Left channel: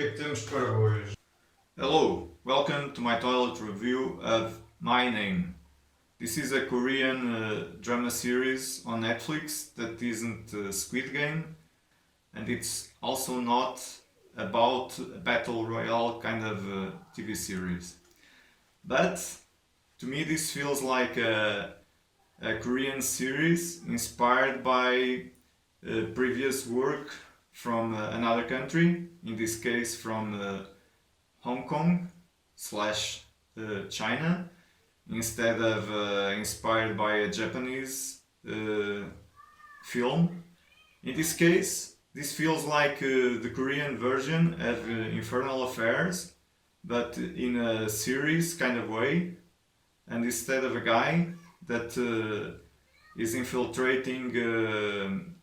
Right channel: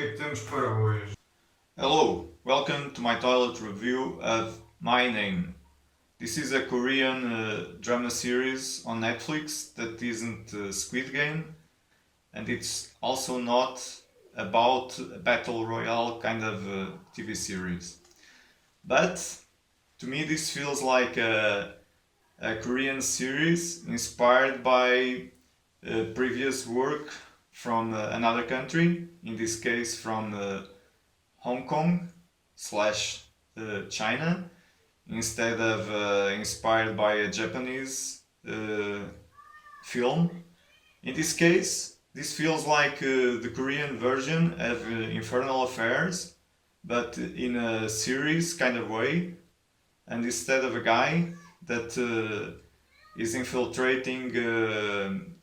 que é que temos para hoje? Hello, welcome to my toilet review of My Name. This is a Korean drama series on Netflix that isn't Squid Game, and it's also not about a battle royale kind of TV series. But to me, this feels like a Korean series inspired by previous work from another country, in this case from Hong Kong slash China, instead of inspired by a Japanese film. In this case, this feels like the Korean version of Infernal Affairs, but in a series kind of way. And instead of a guy that is infiltrating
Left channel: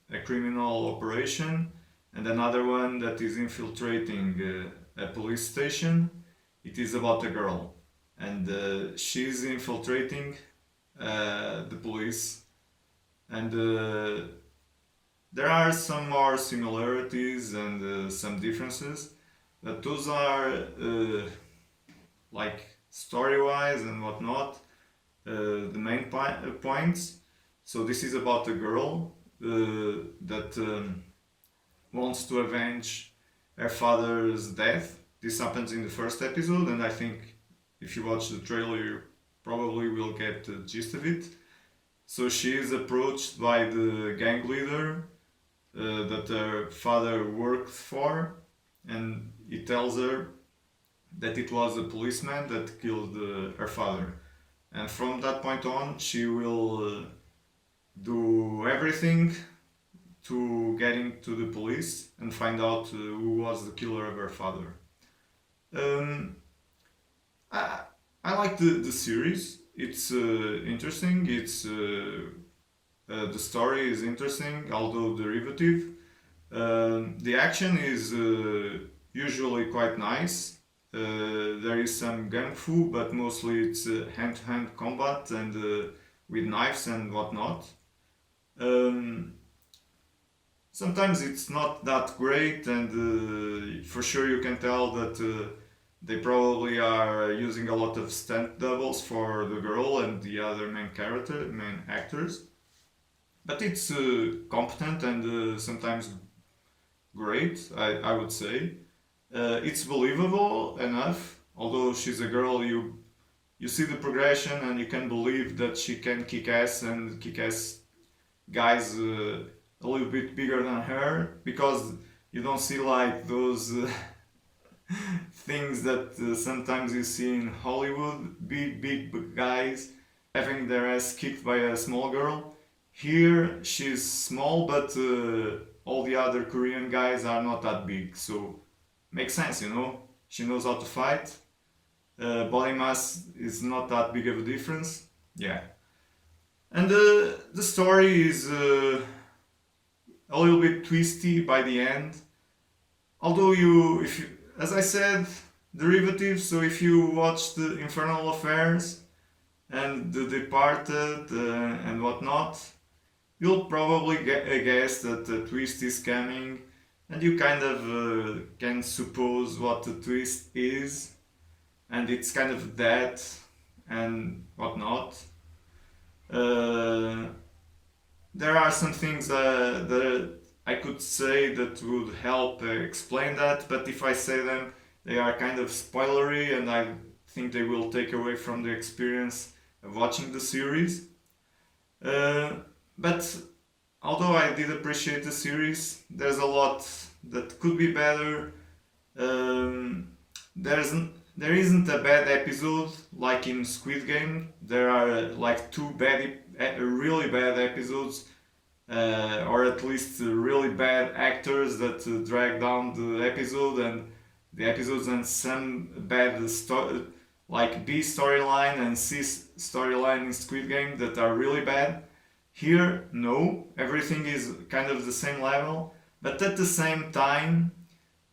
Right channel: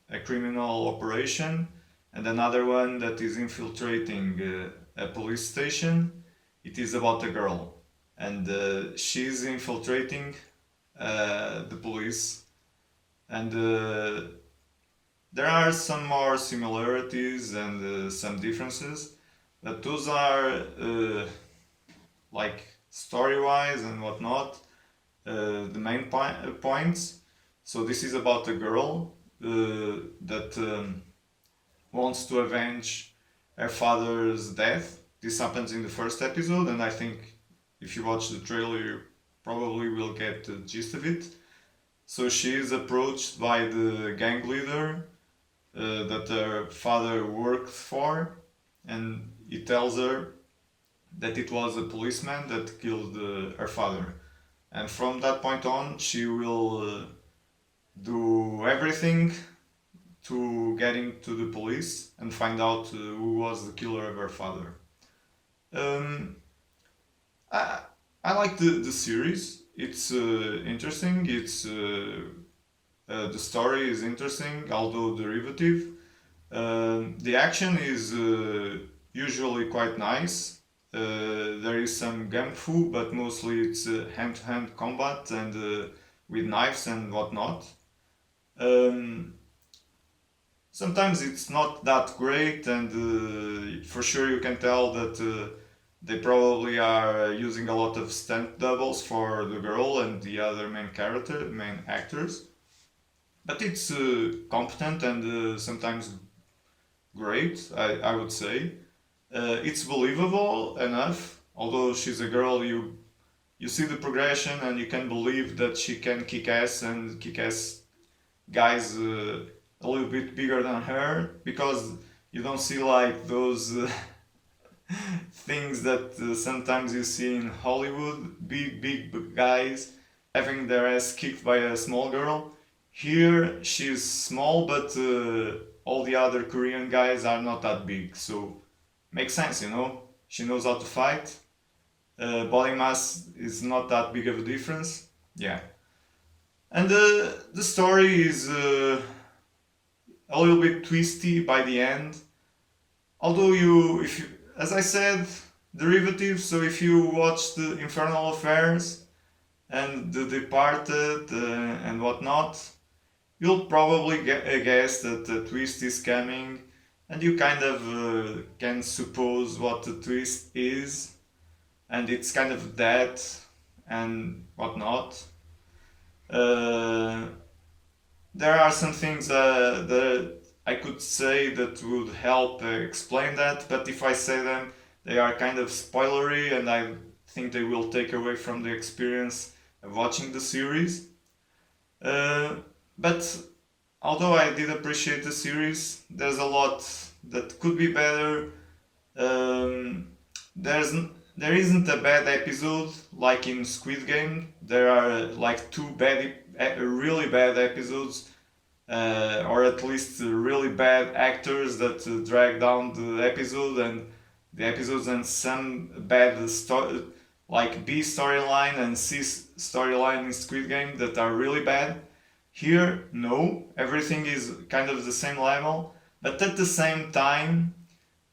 a criminal operation and another one that is infiltrating a police station, it is about a girl. And she's infiltrating the police. And there are some more similarities and some differences, but those are like story wise and whatnot the main points. So this is about a girl that wants to avenge her father's death. This happens in the first episode, and I think if you watch the trailer, you probably will get the gist of it. So she is approached by the gang leader that her father worked for, and he tells her that it was a policeman that killed her father. And from that point on, she will do everything to getting to the police and find out who was the killer of her father. Um, I, I like the series. It's interesting. The story is interesting, although derivative. The action is usually quite nice. There is some gung fu, but mostly it's hand-to-hand combat and with knives and whatnot. Um, Sometimes it's not that great, and for sure you can tell that they probably are using a lot of stunt doubles for the girl and the other main actors. But it's competent and sometimes great, I would say. It's believable enough. Although she's a girl, you see the progression and you can believe that she can kick ass and kick ass guys a little bit bigger than her, because you don't see like those things that sometimes you see in Hollywood, big guys having their ass kicked by a small girl. Here she's small, but all the other Korean guys are not that big, so makes sense, you know. She knows how to fight. Body mass is not that big of a difference. Yeah, and the story is a little bit twisty by the end. Although if you, as I said, derivative. So if you watch the Infernal Affairs and The Departed and whatnot, you'll probably guess that the twist is coming, and you kind of can suppose what the twist is, and it's kind of that and whatnot. Uh, there are some things that I could say that would help explain that, but if I say them, they are kind of spoilery, and I think they will take away from the experience of watching the series. Uh, but although I did appreciate the series, there's a lot that could be better. Um, there's there isn't a bad episode like in Squid Game. There are like two really bad episodes, or at least really bad actors that drag down the episode and the episodes, and some bad like B storyline and C storyline in Squid Game that are really bad. Here, no, everything is kind of the same level, but at the same time,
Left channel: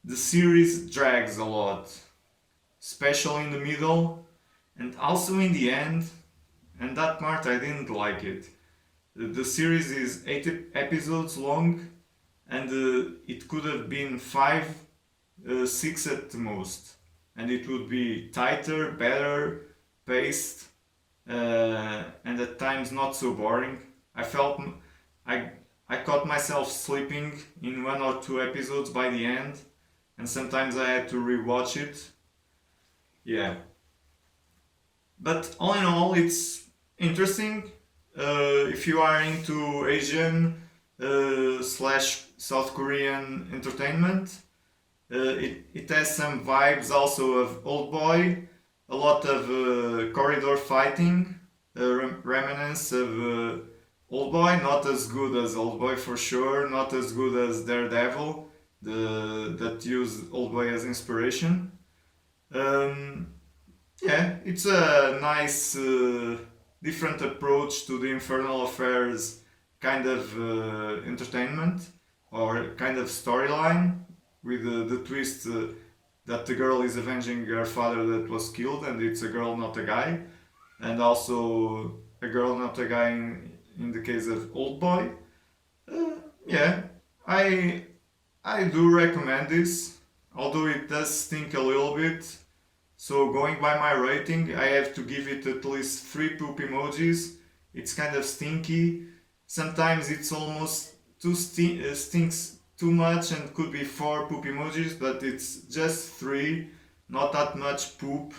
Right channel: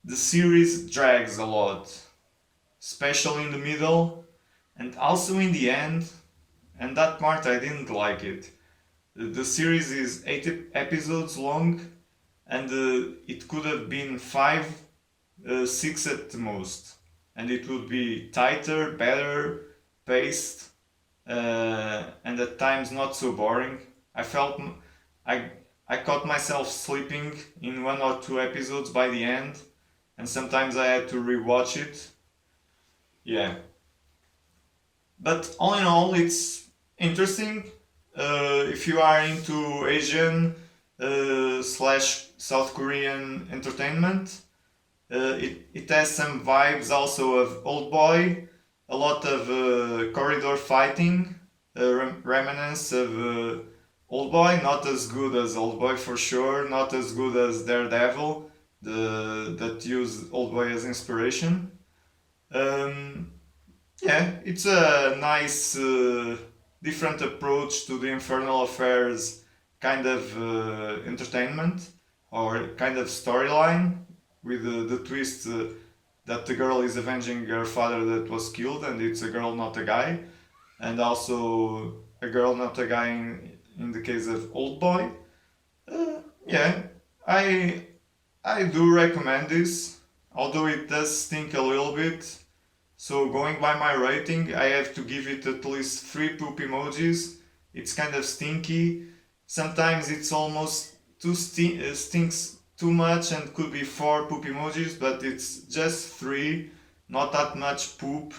the series drags a lot, especially in the middle and also in the end, and that part I didn't like it. The series is 8 episodes long, and it could have been 5 six at the most, and it would be tighter, better paced, and at times not so boring. I felt I I caught myself sleeping in one or two episodes by the end, and sometimes I had to rewatch it. Yeah, but all in all, it's interesting. If you are into Asian slash South Korean entertainment, it has some vibes also of Old Boy, a lot of corridor fighting, remnants of Old Boy, not as good as Old Boy for sure, not as good as Daredevil, that use Old Boy as inspiration. Um, yeah, it's a nice, different approach to the Infernal Affairs kind of entertainment or kind of storyline with the twist that the girl is avenging her father that was killed and it's a girl, not a guy, and also a girl, not a guy in the case of Old Boy. Yeah, I I do recommend this, although it does stink a little bit. So going by my rating, I have to give it at least three poop emojis. It's kind of stinky. Sometimes it's almost stinks too much and could be four poop emojis, but it's just three, not that much poop.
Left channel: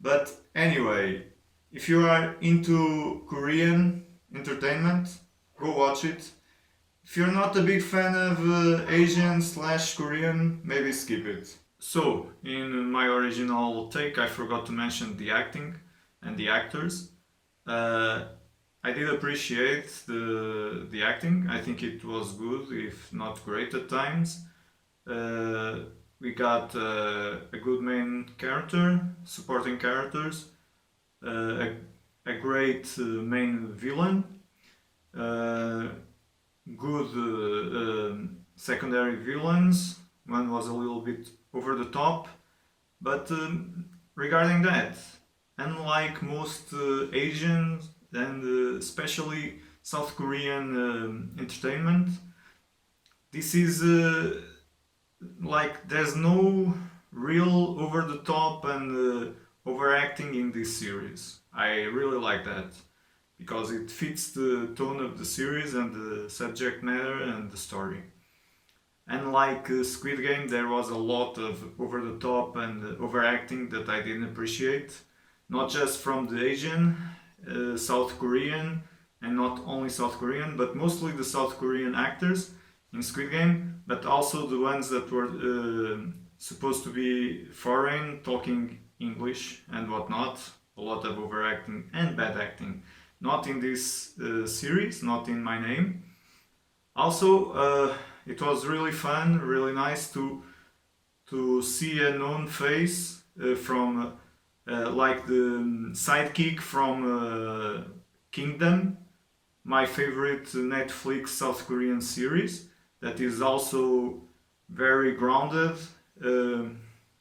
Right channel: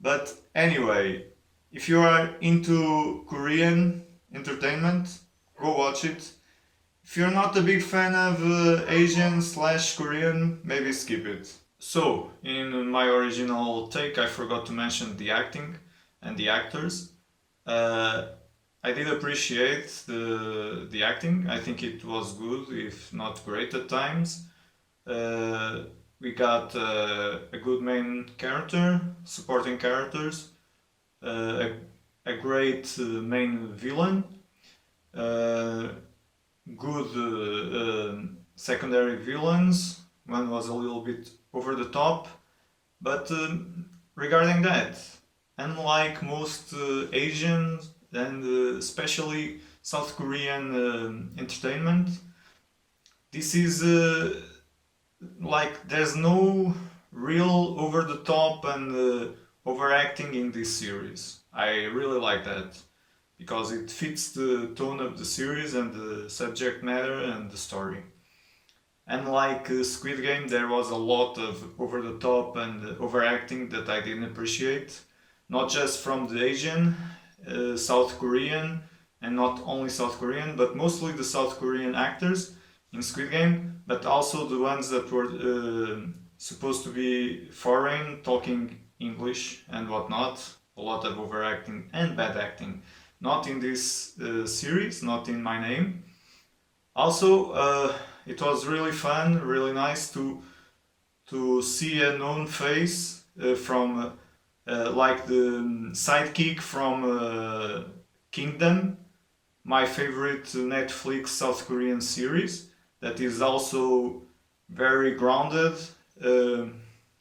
But anyway, if you are into Korean entertainment, go watch it. If you're not a big fan of Asian slash Korean, maybe skip it. So, in my original take, I forgot to mention the acting and the actors. Uh, I did appreciate the acting. I think it was good, if not great at times. Uh, we got a good main character, supporting characters, a great main villain, uh, good secondary villains. One was a little bit over the top, but regarding that, unlike most Asian and especially South Korean entertainment, this is like there's no real over the top and overacting in this series. I really like that because it fits the tone of the series and the subject matter and the story. Unlike Squid Game, there was a lot of over the top and overacting that I didn't appreciate. Not just from the Asian, South Korean, and not only South Korean, but mostly the South Korean actors in Squid Game, but also the ones that were supposed to be foreign, talking English and whatnot. A lot of overacting and bad acting. Not in this series, not in My Name. Also, it was really fun, really nice to see a known face from like the sidekick from Kingdom, my favorite Netflix South Korean series that is also very grounded. Uh,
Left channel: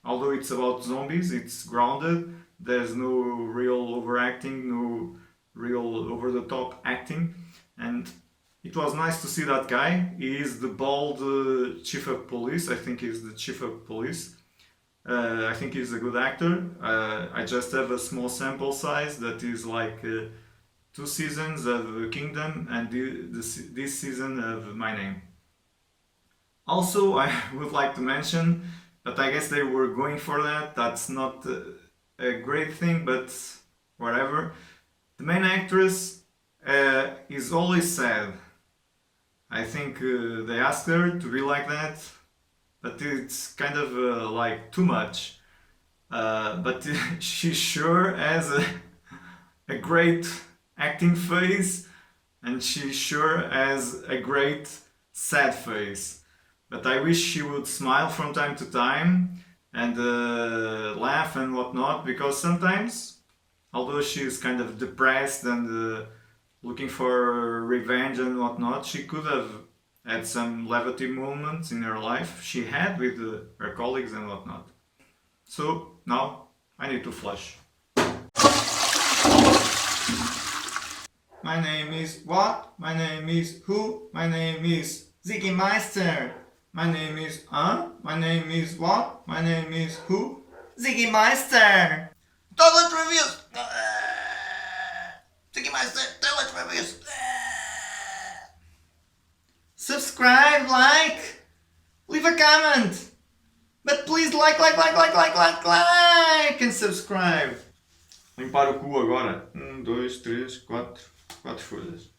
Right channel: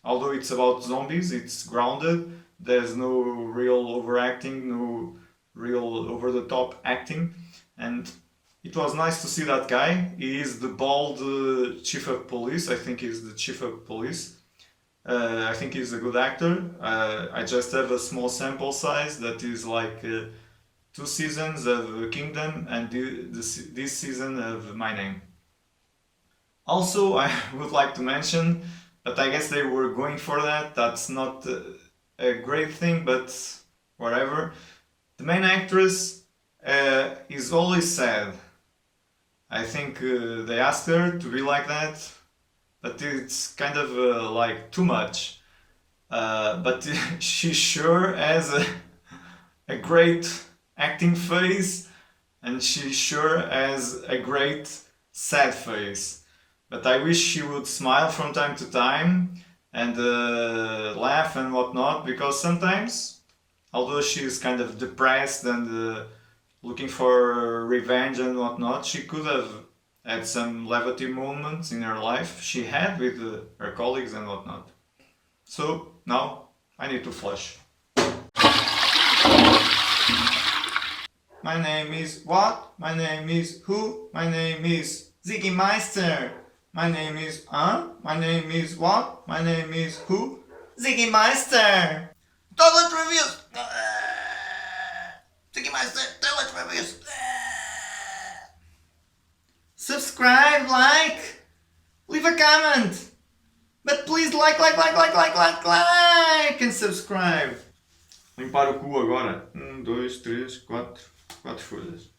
Although it's about zombies, it's grounded. There's no real overacting, no real over the top acting, and it was nice to see that guy. He is the bald chief of police. I think he's the chief of police. I think he's a good actor. I just have a small sample size that is like two seasons of Kingdom and this season of My Name. Also, I would like to mention, but I guess they were going for that. That's not a great thing, but whatever. The main actress is always sad. I think they asked her to be like that, but it's kind of like too much. But she sure has a great acting face, and she sure has a great sad face. But I wish she would smile from time to time and laugh and whatnot, because sometimes, although she's kind of depressed and looking for revenge and whatnot, she could have had some levity moments in her life. She had with her colleagues and whatnot. So now I need to flush. My name is what? My name is who? My name is Ziggy Meister. My name is My name is what? My name is who? Ziggy Meister. Toilet reviews. Ziggy Meister. Toilet reviews. Subscribe, like, leave a comment. But please like, and subscribe. Limpar o cu agora. 1, 2, 3, 4. 4 folhas.